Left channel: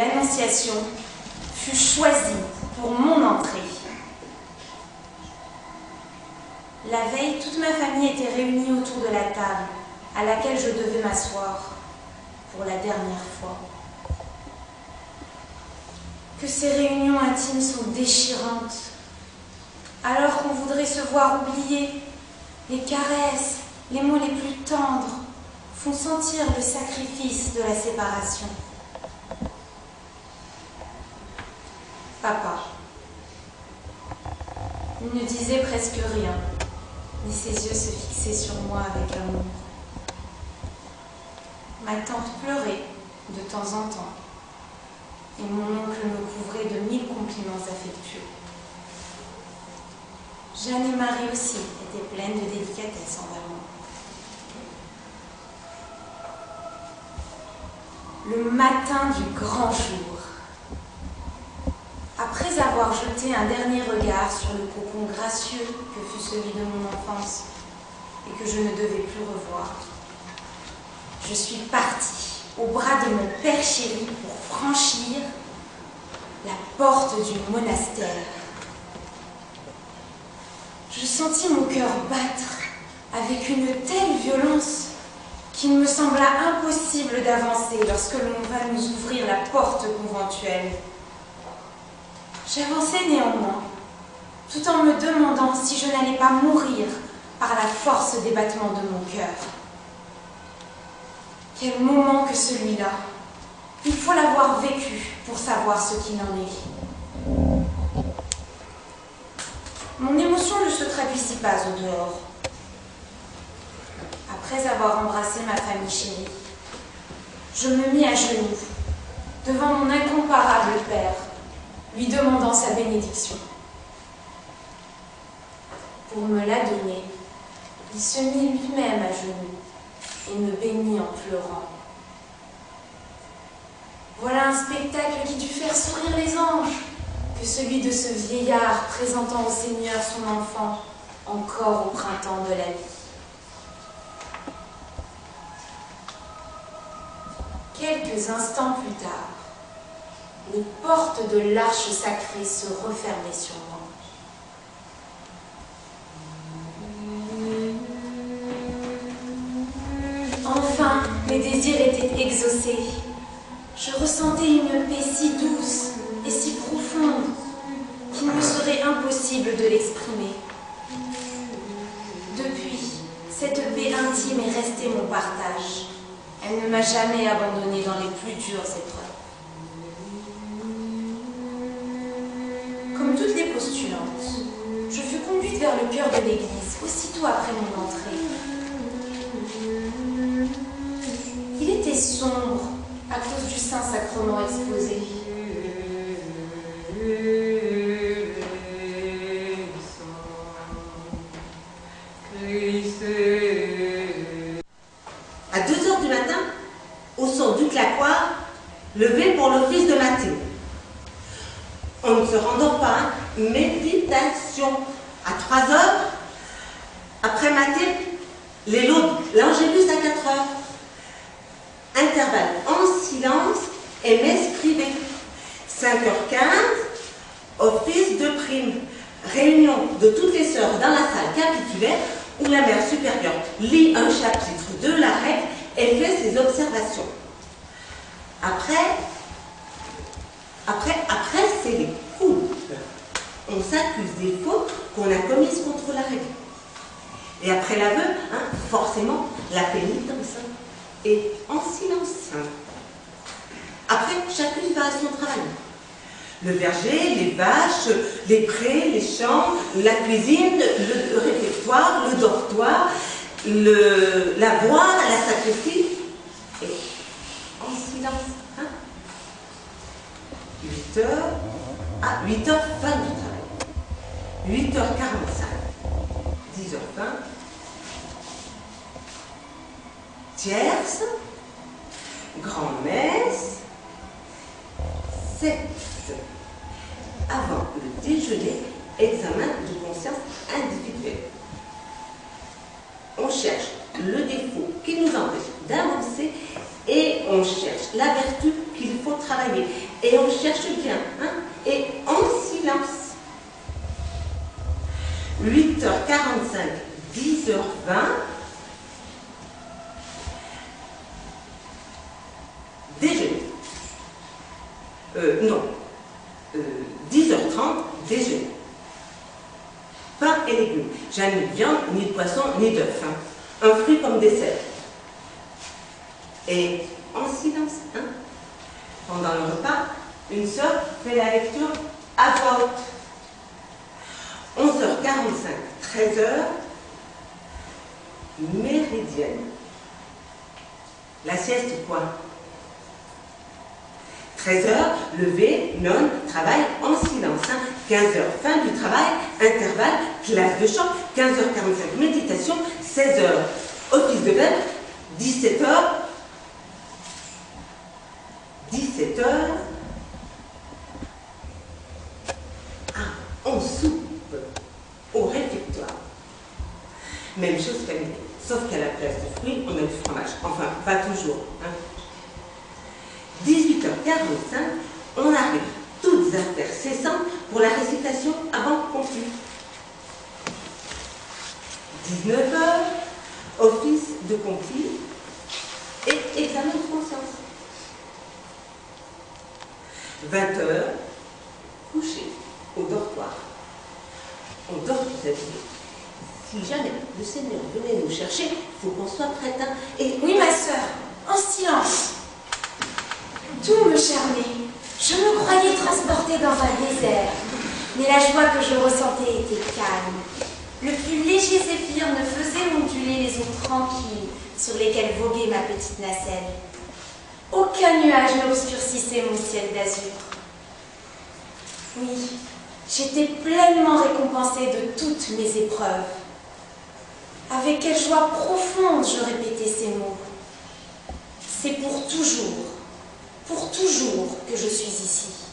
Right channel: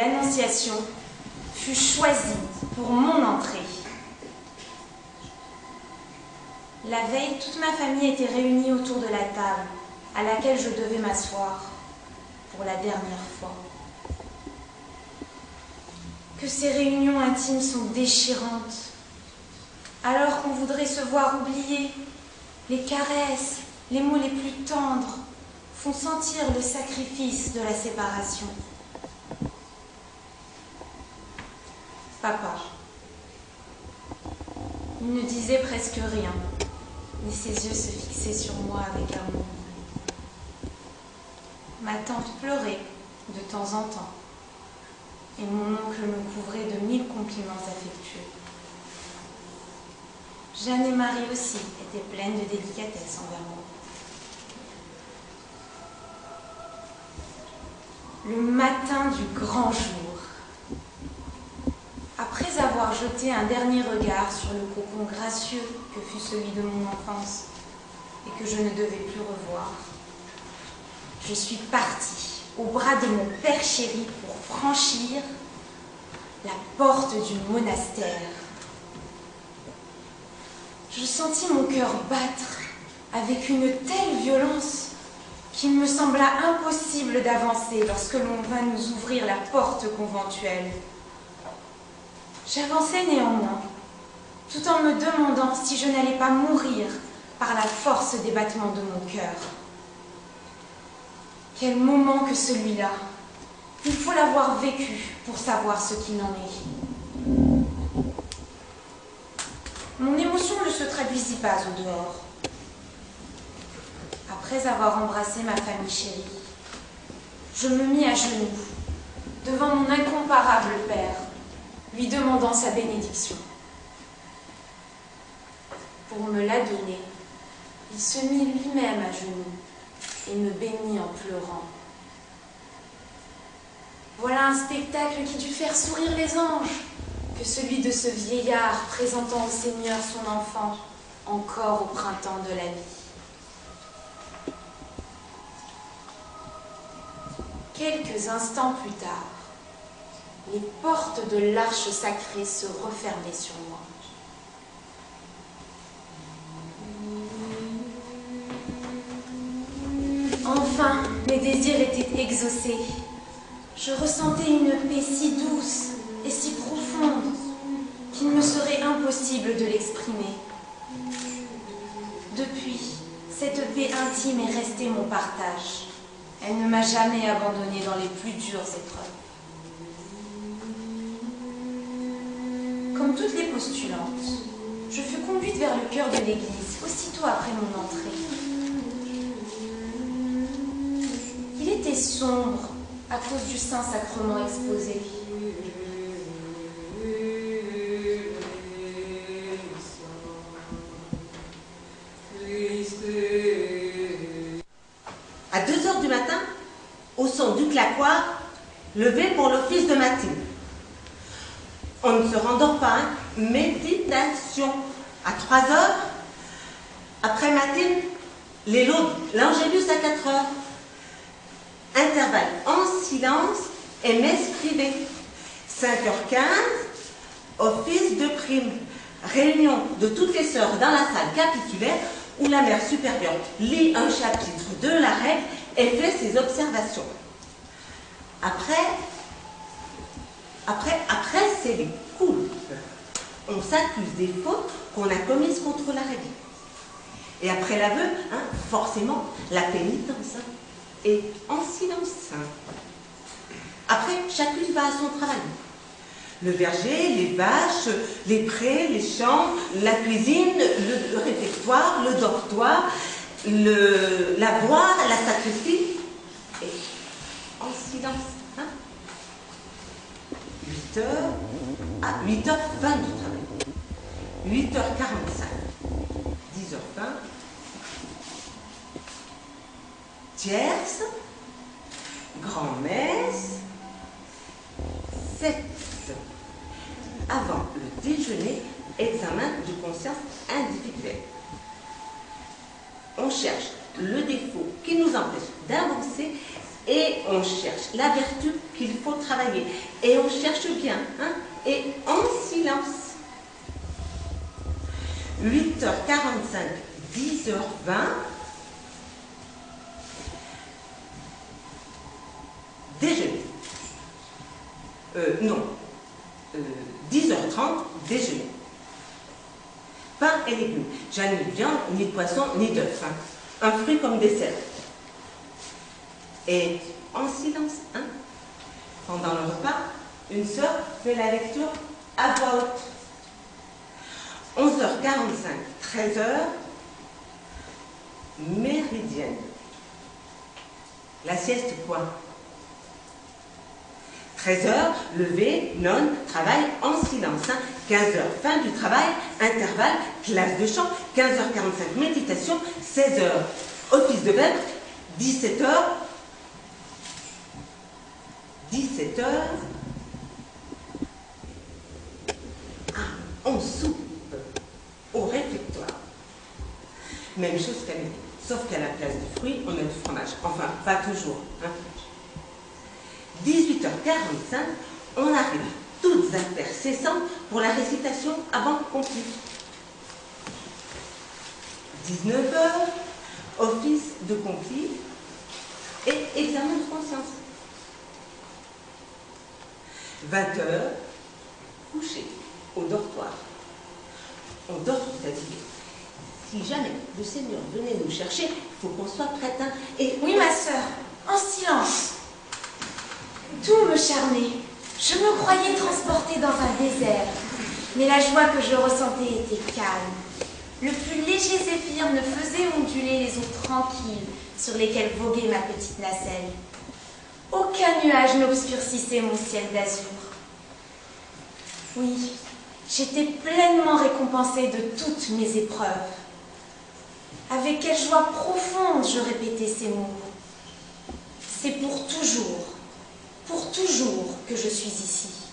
l'Annonciation fut choisie pour mon entrée. La veille, toute ma famille était réunie autour de la table à laquelle je devais m'asseoir pour la dernière fois. Que ces réunions intimes sont déchirantes, alors qu'on voudrait se voir oublier. Les caresses, les mots les plus tendres font sentir le sacrifice de la séparation. Papa, il ne disait presque rien, mais ses yeux se fixaient sur moi avec amour. Ma tante pleurait de temps en temps, et mon oncle me couvrait de 1000 compliments affectueux. Jeanne et Marie aussi étaient pleines de délicatesse envers moi. Le matin du grand jour, après avoir jeté un dernier regard sur le cocon gracieux que fut celui de mon enfance et que je ne devais plus revoir, je suis partie au bras de mon père chéri pour franchir la porte du monastère. Je sentis mon cœur battre avec une telle violence qu'il me sembla impossible d'avancer lorsque l'on vint nous ouvrir la porte conventuelle. J'avançai néanmoins, tout en me demandant si je n'allais pas mourir par la force des battements de mon cœur. Quel moment que celui-là! Il faut l'avoir vécu pour savoir ce qu'il en est. Mon émotion ne se traduisit pas au dehors. Après avoir embrassé ma famille chérie, je me mis à genoux devant mon incomparable père, lui demandant sa bénédiction. Pour me la donner, il se mit lui-même à genoux et me bénit en pleurant. Voilà un spectacle qui dut faire sourire les anges, que celui de ce vieillard présentant au Seigneur son enfant, encore au printemps de la vie. Quelques instants plus tard, les portes de l'arche sacrée se refermaient sur moi. Enfin, mes désirs étaient exaucés. Je ressentais une paix si douce et si profonde qu'il me serait impossible de l'exprimer. Depuis, cette paix intime est restée mon partage. Elle ne m'a jamais abandonnée dans les plus dures épreuves. Comme toutes les postulantes, je fus conduite vers le cœur de l'église aussitôt après mon entrée. Il était sombre à cause du Saint-Sacrement exposé. À 2h du matin, au son du claquoir, levé pour l'office de matin. On ne se rendort pas, hein? Méditation. À 3h, après matin, les laudes, l'angélus à 4h. Intervalle en silence et messe privée. 5h15, office de prime. Réunion de toutes les sœurs dans la salle capitulaire où la mère supérieure lit un chapitre de la règle et fait ses observations. Après, c'est les coupes. On s'accuse des fautes qu'on a commises contre la règle. Et après l'aveu, forcément, la pénitence. Et en silence. Après, chacune va à son travail. Le verger, les vaches, les prés, les champs, la cuisine, le réfectoire, le dortoir, l'avoir, la sacristie. Et en silence. 8h, 8h, fin du travail. 8h45, 10h20, tierce, grand-messe, 7. Avant le déjeuner, examen de conscience individuelle. On cherche le défaut qui nous empêche d'avancer et on cherche la vertu qu'il faut travailler. Et on cherche bien, hein, et en silence. 8h45, 10h20. Déjeuner. Non. 10h30, déjeuner. Pain et légumes. J'ai ni de viande, ni de poisson, ni d'œuf. Hein. Un fruit comme dessert. Et en silence, hein, pendant le repas, une sœur fait la lecture à voix haute. 11h45, 13h, méridienne. La sieste ou quoi? 13h, lever, nonne, travail en silence. Hein. 15h, fin du travail, intervalle, classe de chant. 15h45, méditation. 16h, office de verbe. 17h, on soupe au réfectoire. Même chose qu'à midi, sauf qu'à la place du fruit, on a du fromage. Enfin, pas toujours. Hein. 18h45, on arrive, toutes affaires cessantes, pour la récitation avant conflit. 19h, office de conflit et examen de conscience. 20h, coucher au dortoir. On dort tout habillé. Si jamais le Seigneur venait nous chercher, il faut qu'on soit prête. Hein, et Oui, ma sœur, en silence. Tout me charmait. Je me croyais transportée dans un désert. Mais la joie que je ressentais était calme. Le plus léger zéphyr ne faisait onduler les eaux tranquilles sur lesquelles voguait ma petite nacelle. Aucun nuage n'obscurcissait mon ciel d'azur. Oui, j'étais pleinement récompensée de toutes mes épreuves. Avec quelle joie profonde je répétais ces mots. C'est pour toujours que je suis ici.